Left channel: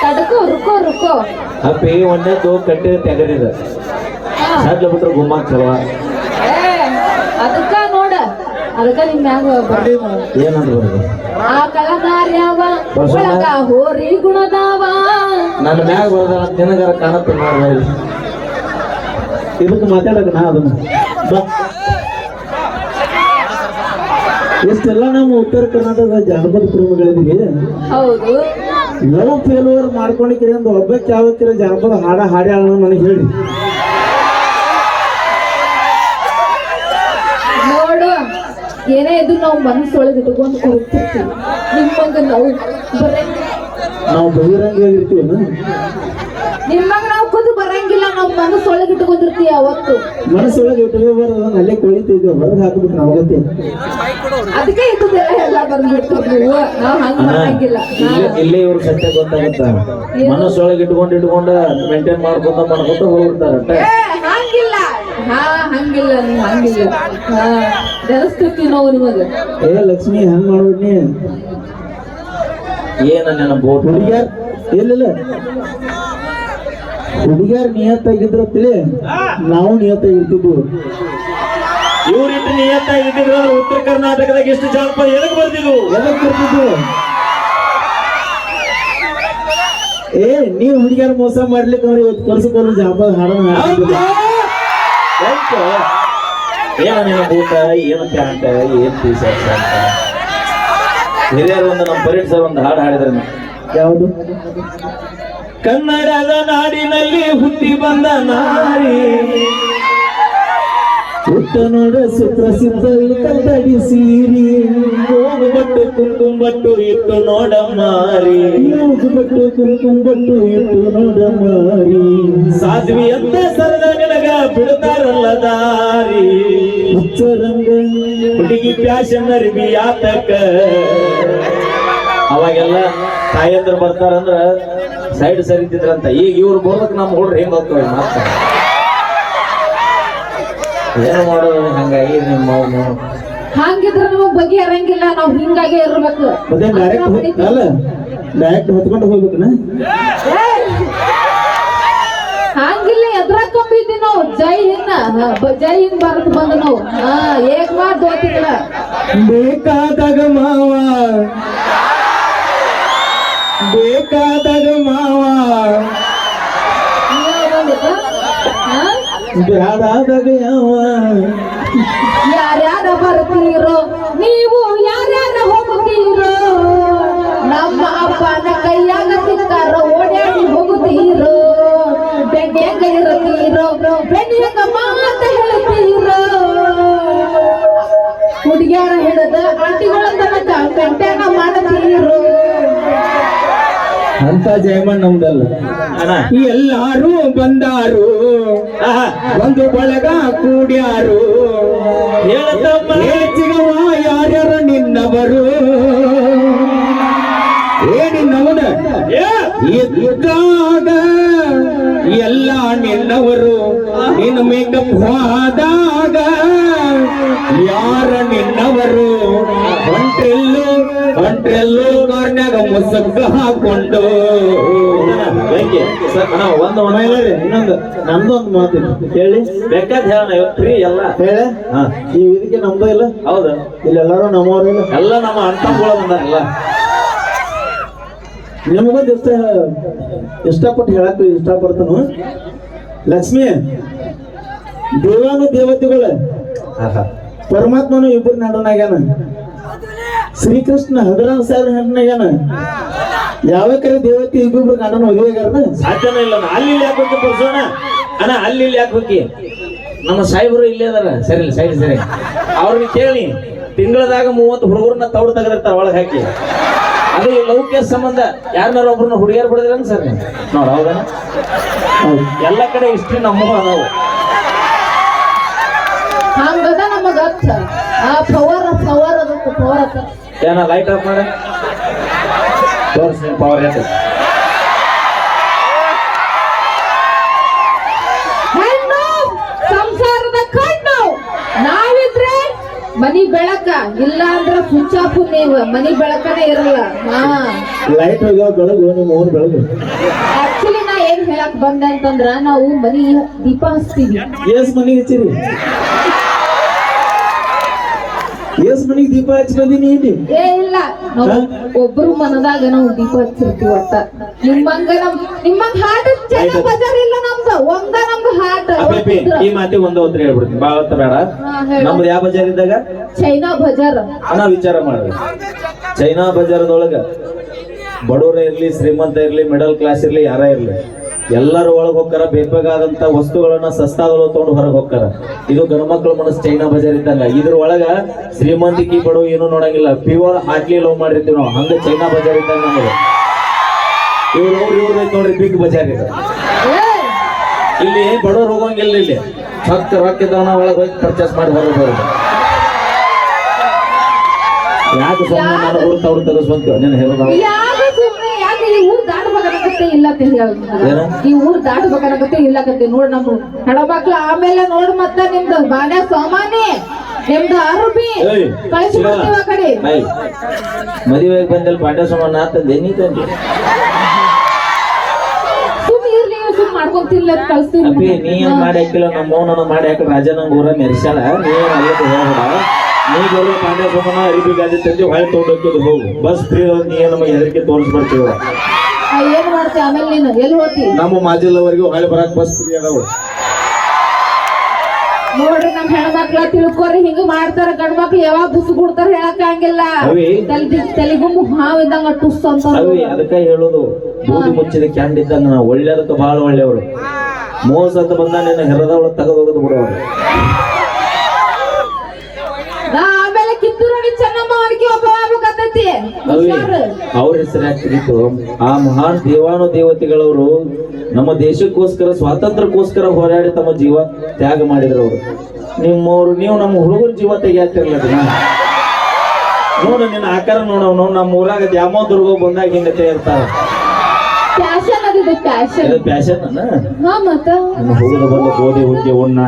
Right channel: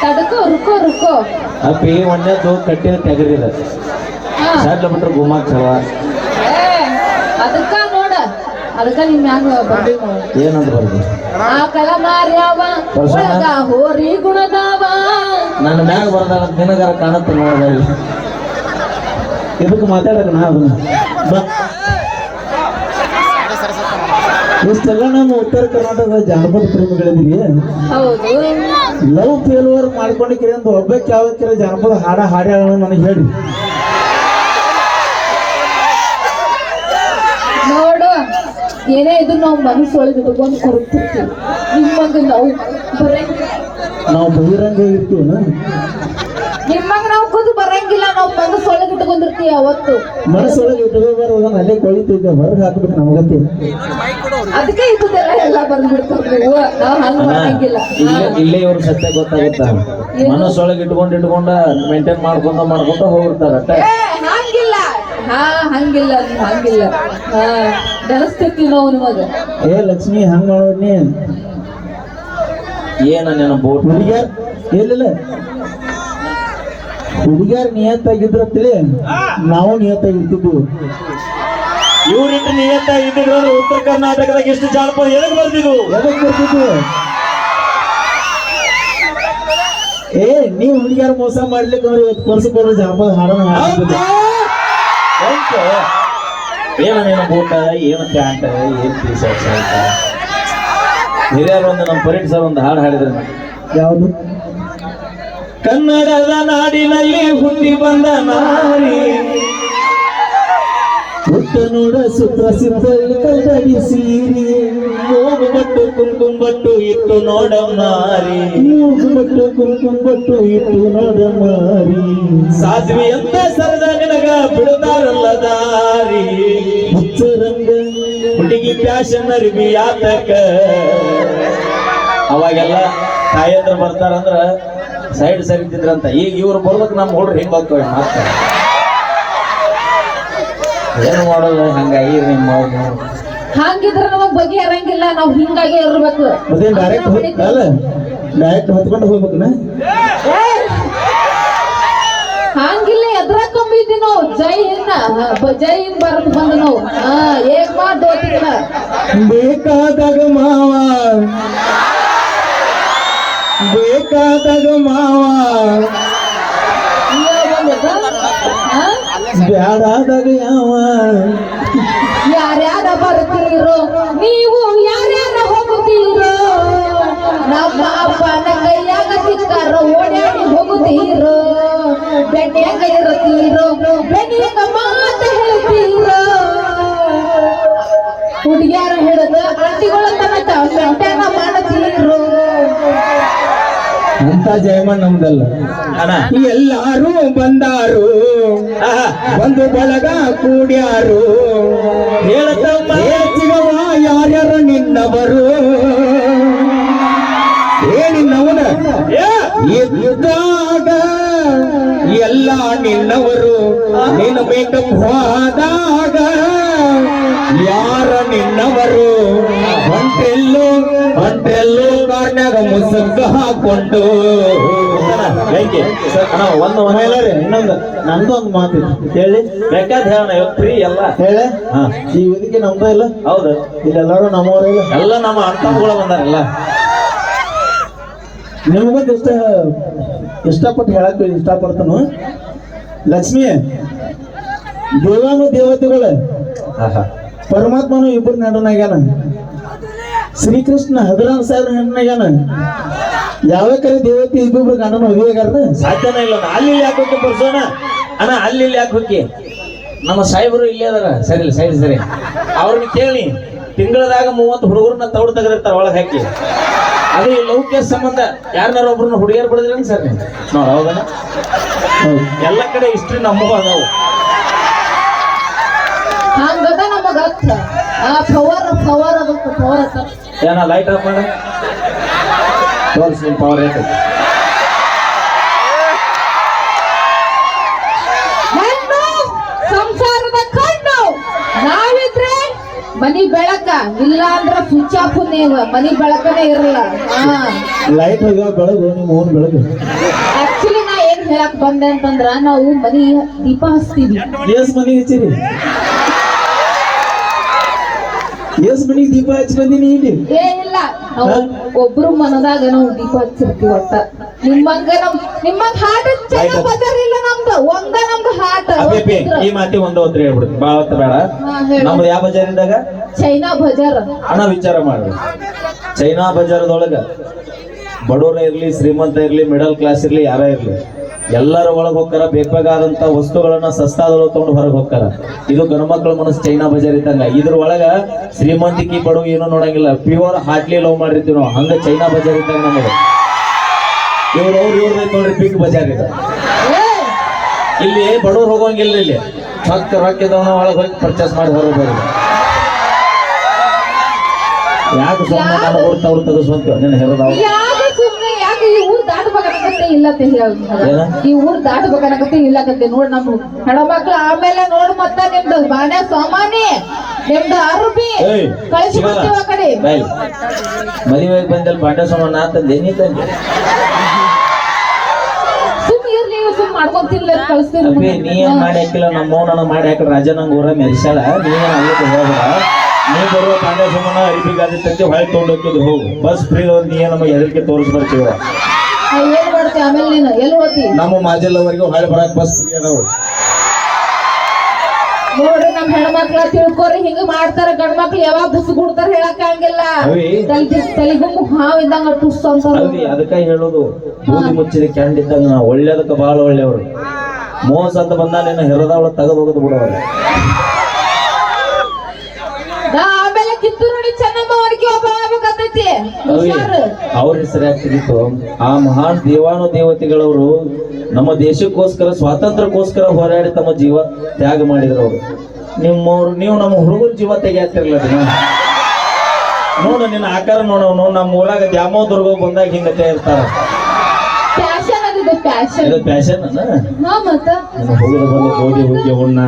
ತಡಕೋ ರುಕೋ ರುಕೋ. ಅಪ್ಪಿ ಒಂದೇದು ಕಟ್ಟಿದ ತೆಗರಿದ. ಸಡ್ಲ ಬಿಟ್ರೆ ಗುಮ್ಮಾಕ್ ಚಲೋ. ಅದಕ್ಕ ನೋಡ. ಅದಕ್ಕ ನಿಮ್ ಏನಂತ ಆ ಮಾರ್ಯಾವ ಹೊಸ- ಒಳಗ ಹೋರಿ ಗುಣದಾವ. ನನ್ನ ಮ್ಯಾಗ ಬರ್ದ ದಿನಗಾರ ಕಾಣುತ್ತೆ ಮಾಡಿ ಇದಕ್ಕೆ ಮಾತಾಡಕ ನಾ ಅದನ್ನ. ನಮ್ಮ ಉತ್ತರ ಕರ್ನಾಟಕದ ಜಾನಪದ ಪ್ರೇಮಿಗಳಿದ್ದೀವಿ ಹೌದು. ಲವ್ ಫೇಲ್ಯೂರ್ ಮಾಡ್ಕೊಂಡಿಕ್ಕಿರಿ ಅಂತ ಒಬ್ಬಕ್ಕೆ ಯಾವತ್ತಿರ ಜಾನಪದ ಹಾಡ ಹಾಡ್ಯಾಳ ನನಗೆ ಹೇಳಿ ನೋಡು ಏನೇ ಇದು ನಾವು ಮನಸ್ಸೊಳಗೆ ಇಟ್ಕೊಂಡು ಕೊಡ್ತಿರ್ತೀವಿ ನಿಮ್ಮಂಗ ನಾವು ಬರಂಗಿಲ್ಲ. ನಾವು ಬಹಿರಂಗ ಇರ್ತೀವಲ್ಲ ನಿಮ್ಮಂಗ ನಾವು ಕೂತು ಬರಂಗಿಲ್ಲ ನಾವು ಮನಸ್ಸೊಳಗೆ ಇಟ್ಕೊಂಡಿರ್ತೀವಿ ಅವತ್ತು ಮನಸ್ಸೊಳಗೆ ಇಟ್ಕೊಂಡು ಬರೋದನ್ನ ಅಲ್ಲೇ ಕೊಳಿತಿದ್ದೆ ಹೊರಗೆ ಹಾಕ್ಬಿಟ್ಟು ನಾವಗತ್ತೆ ಅದಕ್ಕೆ ಇದ್ದದೆಲ್ಲ ಎಲ್ಲ ಬಂದ್ಬಿಡ್ತೀವಿ ನೀವು ನಾವು ಹಂಗ ಮಾಡಂಗಿಲ್ಲ ಇಲ್ಲೇ ಇಲ್ಲೇ ಇವ್ರ ಸತ್ಯ ಗೊತ್ತಾಗುತ್ತ? ಮನಸ್ಸೊಳಗೆ ಇಟ್ಕೊಂಡು ಇಟ್ಕೊಂಡ ಮೇಂಟೈನ್ ಮಾಡ್ಕೊಂತ ಮಾಡ್ಕೊಂತ ಹೋಗಿರ್ತಾರ ಹಂಗಿಲ್ಲ. ಹಾ ಹಂಗಿಲ್ಲ ನೀವ್ ಹಂಗಿಲ್ಲ. ಹಾ ನೆನಸ್ತೀವಿ ನಾವು ನಿಮಗ ಏ ಲಕ್ಷ್ಮಿ ಹಂಗ್ ಮಾಡ್ಬಿಡ್ನಿ ಏನ ನನ್ನ ಬೋಟ್? ಹುಡುಗ್ಯಾರ್? ಇಲ್ಲ ಹುಡುಗಿಯರ್ ನಿಯತ್ತಾಗಿದ್ರ ತಿಳಿ ನಾವು ನಿಯತ್ತಾಗಿರ್ತಿದ್ವಿ. ಇವ್ರಿಟ್ಟು ನಿಯತ್ತಾಗಿದ್ದೀವಿ ಉತ್ತರ ಕರ್ನಾಟಕದಾಗ ಎಷ್ಟು ಜಾನಪದ ಎದಕ್ ಬರ್ತಿದ್ವು ಏ ನೀವು ಹುಡುಗಿಯರು ಮೋಸ ಮಾಡ್ಲಿಕ್ಕೆ ಅವ್ರು ಇವತ್ತು ಕೊಲ್ಸಕ್ಕೆ ಜಾನಪದ ಹಾಡೋಣ. ಊಟ ಏನ ನಿನ್ನ ಬೂಟ ಏನು ಪ್ಯಾಂಟ್? ಏನ್ ಟೀ ಶರ್ಟ್ ಅಂತ? ಹಿರಿಯರು ಒಂದು ನಮ್ಮ ಪರೇಡ್ ಸರ್ ಒಂದು ಹಾಡು ಹಾಡಿದ್ರು ನಾವು ಯಾವುದು? ಕನ್ನಡದ ನಾಡಿನಲ್ಲಿ ಹುಟ್ಟಿ ಬಂದ ನಾರಿ. ಸುಪ್ರಸಿದ್ಧ ಕಲ್ದಡಿ ಸೀರಿ. ಹೋಗು ಬಟ್ಟು ಕುಂಕುಮ ಬಟ್ಟು ಇಟ್ಟು ನೋಡ ಮಾರಿ. ಮೂಗು ಬಟ್ಟು ಕುಂಕುಮ ಬಟ್ಟು ಇಟ್ಟು ನೋಡ ಮಾರಿ. ಸಾಧ್ವಿ ಅಂತ ಸರದ ನಿನಗ ಬಿಡುತ್ತಾರಲ್ಲ ದಾರಿ. ಹುಚ್ಚರಂಗ ಹುಡುಗಿ ಫ್ಯಾಷನ್ ಅರಿವಿ ಆತಕ. ಅವಾಗೆಲ್ಲ ತಾಯಂದ್ರ ಬರ್ತಾರಂದ್ರ ಸೈಡ್ ಸರಿತಿದ್ರಂತ. ಈಗ ಇವ್ರು ಬೋಲಕ್ ನಮ್ಮ ಹುಡ್ರು ಹೆಂಗ್ ಹೋಗ್ತವೆ ಮಾತ ಏನು ಮಾಡೋದು ಹಂಗಾಗಿ ನಿಮ್ಮ ಅವ್ನು. ಹಂಗಿದ್ರ ನಮಗ್ ಬಗೆ ಇರಂಗಿಲ್ಲ ನಾವ್ ಹಿಂಗಾಗೆ ಇರ್ಬೇಕು. ಮತ್ತೆ ಡೈರೆಕ್ಟ್ ಅಲ್ಲ ಡೈರೆಕ್ಟ್ ಹೊತ್ಕೊಂಡು ಹೋಗ್ಬೇಕನ? ಏ, ಹಂಗಿಲ್ಲ ಎದ್ರಾಕೊಂಬಿದ್ವಿ ನಾವು. ಜೈ ಹಿಂದ. ಜೈ ಹಿಂದ್ ಭಾರತ್ ಬಂದ ನಾವು. ಹಾ ಏಕ್ ದೋತಿಗಳ ಬೇಕಾದಾಗ ಮಾವ. ಬೇಕಾದಾಗ ಮಾವ. ಬ್ಯಾಡಾದಾಗ ಅಪ್ಪನ ಕೈಯಾಗ ಸಿಕ್ಕಾರ ಓಡಾಡಿ ಹೋಗುತ್ತೀರೋ? ಬೆಡ್ಯಾಗ ಇರುತ್ತೀರೋ? ಬೆಡ್ಯಾಗ ಮಾತ ಹೇಳ್ತೀರೋ? ಹುಡುಗಿಯರ ಹಿಡಿದ ಆಂಟಿಗಳ ತನಕ ಗಂಟೆನ ಮಾಡುತ್ತೀರೋ? ಅಂತ ಜಯಮಣ್ ನಮ್ದಲ್ಲ. ಅಣ್ಣ. ಎಲ್ಲಾರು ಬಂದಾರು. ಆಹಾ, ಒಂದು ಬಳಗ ಕೂಡ್ಯಾರು. ಹೆಚ್ಚಿಗವ ಯಾರ್ಯಾರ ನಿನ್ನವರು? ನಿನ್ನವನ ಏ, ಇದ್ದಾಗ ಎಲ್ಲ ನಿನ್ನವರು ನಿನ್ನ ಮೇಕಪ್ ಹೋದಾಗ ಯಾರ ನಿನ್ನವರು? ಹೊಂಟೆಲ್ಲು ಹೊಂಟೆಲ್ಲು ಕಾರ್ನ್ಯಾಗ ಮುಸಗ್ಗ ಹಾಕೊಂಡು. ಹೆಂಗೆ ಒಂದು ರೀ, ಇನ್ನೊಂದು ನಂದೊಂದು ಮಾತಿದೆ ಹೇಳಿ. ಬೇಕಾದ ಹೇಳೋಣ ಫ್ರೀ ಎಲ್ಲ. ಹೇಳ. ಈ ವೇದಿಕೆ ನಮ್ದು ಇಲ್ಲ? ಹೌದು. ಇಲ್ಲೆಲ್ಲರೂ ನಮ್ಮವರು ಎಲ್ಲ ನಮ್ಮ ಅಣ್ಣ ಬಂದಾರಲ್ಲ. ನಿಮಗೊಂದು ಇಷ್ಟ ಇಷ್ಟಪಟ್ಟು ಹೇಳಕ್ ಇಷ್ಟಪಡ್ತಾನು? ಲಕ್ಷ್ಮಿ ದೇವಾನು ದೇವತೆಗಳು. ಪರಮಾತ್ಮನು ಇಬ್ಬರು ನಡನಾಗ್ಯಾನ ಶ್ರೀಕೃಷ್ಣ ಹದಿನಾರು ಸಾವಿರ ಹೆಣ್ಣಾಗ್ಯಾನ ಯಾವ ಕರೆ ದೇವತೆ ಇಬ್ಬಿಬ್ರು ಗಂಡನ ಮದುವೆಗಾರನ ಸಾಧ್ಯನ ಇಲ್ಲ. ಅಲ್ಲಿ ಯಾಕೆ ಹೋಗಿ ಬರ್ಸೋಣ ಅಣ್ಣ ಅಲ್ಲಿ ಇಲ್ಲಿ ಯಾಕೆ ಹೋಗಿ? ನಮ್ಮ ಸಾಹೇಬರು ಇಲ್ಲೇ ಅದಾರ. ಸರಿ ಸರಿ ಸರಿ. ಅವ್ರಿಗೆ ಕೇಳಿ. ತಿಂಗಳದಾಗ ಮೂವತ್ತು ಹುಡುಗರನ್ನ ತೌಡು ತೆಗೆದಿರ್ತಾರ ಒಳಗೆ ಹಾಕಿ. ಅದು ಈ ಲೌಕ್ಯ ಸಂಬಂಧ. ಯಾರನ್ನಾರು ಒಬ್ರನ್ನ ಹುಡುಗಿಯರು ಬಿಡಿದ್ರೇನು ಸರ್ ನೋಡ್ ಹೌದಾ. ಎಲ್ಲ ಕಡೆ ಇಷ್ಟು ನಮ್ಮ ಅದಾವು. ಹಂಗದ ನಮಗ ಅರ್ಥ ಆ ಪವರ್ ಪವರ್ ಅದಕ್ಕೆ ಪವರ್ ಏನ ಲೈಟ್ ಆಫ್ ಮಾಡ. ತೋರಿಸಿ ಪವರ್ ಹೇಳಿ ಮನಿ ಬೆಳಕ ಇಲ್ಲ ಅಂದ್ರ ಸ್ವಿಚ್ ಆಫ್ ನೀನು ಮನಿ ಬೆಳಕನೇ ಇರಲ್ಲ. ಲೈಟ್ ಬೆಳಗು ನಿಮ್ಮ ಬೆಳಗು. ಆಕ್ಚುಲಿ ನಾ ಏನ್ ಹೇಳಕ್ ಬಂದೆ ಅಂತಂದ್ರ ನಾವು ಮನಿ ದೀಪ ಹಚ್ತೀವಿ. ಎಸ್ ಹಚ್ಚಿರಿ. ದೀಪ ಹಚ್ಚಿ ಬಂದೀನಿ ಇಲ್ಲಿ. ಏ ಇಲ್ಲ. ಒಬ್ರು ಮನದಾಗ ನಾವು ದೀಪ ಹಚ್ಚಿರ್ತೀವಿ ಅಂತ. ನಿಮ್ಮಂಗ ನಮ್ ನಿಮ್ಮಂಗ ಹಾಟ್ ನಮ್ದು. ಒಂದ ನಮ್ದು ಹಾಟ ಈ ಮಾತಿ ಒಂದು ಹೊತ್ತು ಹೇಳ್ಬಿಡ್ತೀನಿ. ಭಾಳ ಹೊತ್ತು ಬೇಡ. ನಮ್ದು ಯಾವ ಬಜಾರ್ ಇದ್ದಾಗ? ಚೈನಾ ಬಜಾರ್. ಹಣ ವಿಚಾರ ಮಾಡ್ರಿ ಚೈನಾ ಬಜಾರದೊಳಗ ಬಡವರ ಇರ್ಲಿ ಶ್ರೀಮಂತ ಇರ್ಲಿ ಮಿಡಲ್ ಕ್ಲಾಸ್ ಇರ್ಲಿ ಯಾರ ಇರ್ಲಿ ಎಲ್ಲರೂ ಒಳಗೆ ಹೋಗ್ತಾರ ಬೇಕಾದಂತ ವಸ್ತುಗಳನ್ನ ಸಸ್ತಾದೊಳಗೆ ತಗೊಂಡು ಹೊರಗೆ ಹೋಗ್ತಾರ ಇದು ಗಣಮಕ್ಳ ಮನಸ್ಸು ಚೈನಾ ಬಜಾರ್ ಇದ್ದಂಗ. ಇದ್ರ ಒಳಗ ಶ್ರೀಮಂತಿಕಿ ಬಡವ ಏನು ನೋಡಂಗಿಲ್ಲ. ಪ್ಯೂರ್ ಹಾಟ್ಲಿ ಲವ್ ಮಾಡಿರ್ತೀವಿ ನಾವು. ಹಂಗ ಚೈನಾ ಬಜಾರ್ ಇದ್ದಂಗ ನಮಗೆ ಇವ್ರು ಅವ್ರು ಇವ್ರದ್ದು ನೋಡ್ರಿ ಬಿಗ್ ಬಜಾರ್ ಇದೆ. ಇಲ್ಲಿ ಬಡವ್ರು ಹೋಗಂಗಿಲ್ಲ ಇಲ್ಲಿ. ಭಕ್ತ ರೊಕ್ಕ ಇದ್ದವನ ಒಳಗೆ ಹೋಗಿ ಪರ್ಚೇಸ್ ಮಾಡಿ ಹೋಗಬಹುದು ಬರೋದು. ಯಾಕೆ ಸುಮ್ಮನೆ ನಾನು ಹೊರತು ಅವ್ರು ತಗಸ್ಬಂತ ನೀನು ಹೇಳೋದ ಈ ಊರ್ ಅಂತ ಇಲ್ಲಕತ್ತೆ ನೋಡ್ ನಮ್ ಹೆಣ್ಮಕ್ಳು ಆಮೇಲೆ ನೋಡ್ ಮತ್ತ ನಿಮ್ದು ಬಾಂಡೆ ಸಾಮಾನಿ ನಿಮ್ದು ಅರ್ಬಿ. ಏಯ್, ಕಳಿಸ್ಬಿಡ್ತೀವಿ ಆ ಕಡೆ. ಬೈ ಮದುವೆಗೆ ಬಂದಲ್ಲಿ ಸಾಮಾನು ಆತಂದೆ ನೀ ತಂದೆ ಸುಮ್ ಇರ್ಲಿ ಅಪ್ಪಿ ನೀ ಏನ್ ಮಾಡಿ ಹಾಕಿಲ್ಲ? ನಮ್ಮ ನನಗೆ ಮಾಡಿ ಹಾಕಿ ರಾಜ ನಂಗೆ ಊರ ಮೆರ್ಸ್ಯಾಳ. ನೀ ಏನ್ ಅಲ್ಲಿಗೆ ಹೋಗ್ಬೇಡ. ನೀ ಬರೋ ಬಾಂಡೆ ಸುಮ್ಮನ ಅರಿಬಿ ಗಾದಿ ಹೊಳೆ ತೊಗೊಂಡೋಗ್ತಿದ್ದು ಹೋಗು ಬಸ್ ಫ್ರೀ ನೀ ಏನ್ ನಮಗೆ ಎಲ್ಲರಿಗೆ ತೋರಿಸ್ಬಿಡ್ತೀವ ಏನ್ ಮಾಡ್ತೀವಿ ಆಮೇಲೆ ನೀನು ಎಲ್ಲಿ ಹೋಗ್ತಿ ನಮ್ಮ ಮಾಜಿಲ್ಲವರೆಗೂ ಹೊಳೆ ಬರಕ್ ಬಸ್ ಫ್ರೀ ಅದಾವ. ನೋಡ್ರಿ ನಮ್ ಹೆಣ್ಮಕ್ಳ ತಿಳ್ಕೊರಿ ಹಿಂಗ ಮಾಡ್ತಾರ ಗಂಡ್ ಮಕ್ಳು ಯಾವಾಗ ಬುಸ್ ಬಿಡ್ತಾರ ಹೇಳಕ್ ಅವಿ. ತಲೆಗುಂಬು ಹಾವ್ ಇದ್ದಂಗ ಟುಸ್ ಅಂತ ಅದಕ್ಕೆ ಹೇಳೋದು ಬೂದಿ ಮುಚ್ಚಿದ ಕ್ಯಾಂಡ್ ಇದ್ದಂಗ ನಾವು ಒಳ್ಳೇದಕ್ಕೆ ಬಹಳ ಒಳ್ಳೆಯವರು. ಮೋಸ ಅಂತ ಬಂದ ನಿನ್ನ ಹೆರದವಳ ತೆಗೆದು ಹೋಗೋದು ಬಿಡೋರು. ಅವ್ರ ಹೆಸರು ಯಾಕಿತ್ತು ಆ ಮಹಾನ್ ದೇವಾನು ದೇವತೆಗಳವರು ನಮ್ಮ ದೇಶಕ್ಕೋಸ್ಕರ ಸ್ವಾತಂತ್ರ್ಯಕ್ಕೋಸ್ಕರ ಹೋರಾಡಿ ತಮ್ಮ ಜೀವ ತ್ಯಾಗ ಮಾಡಿದ್ರು ಅವರು. ನಿಮ್ಮವ್ರು ನೀವು ನಮ್ಮ ಹುಡುಗರ ಜೀವ ತೆಗಿಯಾತಿರ್ಲ ನೋಡು ನಿನ್ನ ಆಕಾರ ನೋಡವನು ನಮ್ಮ ಊರಾಗ ದ್ಯಾಮೋ ದುರ್ಗ ಬಂದಾಗ ಹಿಂಗ ಇರ್ತಾರ ಪ್ಯಾಶನ್ ಹಾ ಹೋಗಿ ಹುಗ್ಗಿ ಉಣ್ಣ.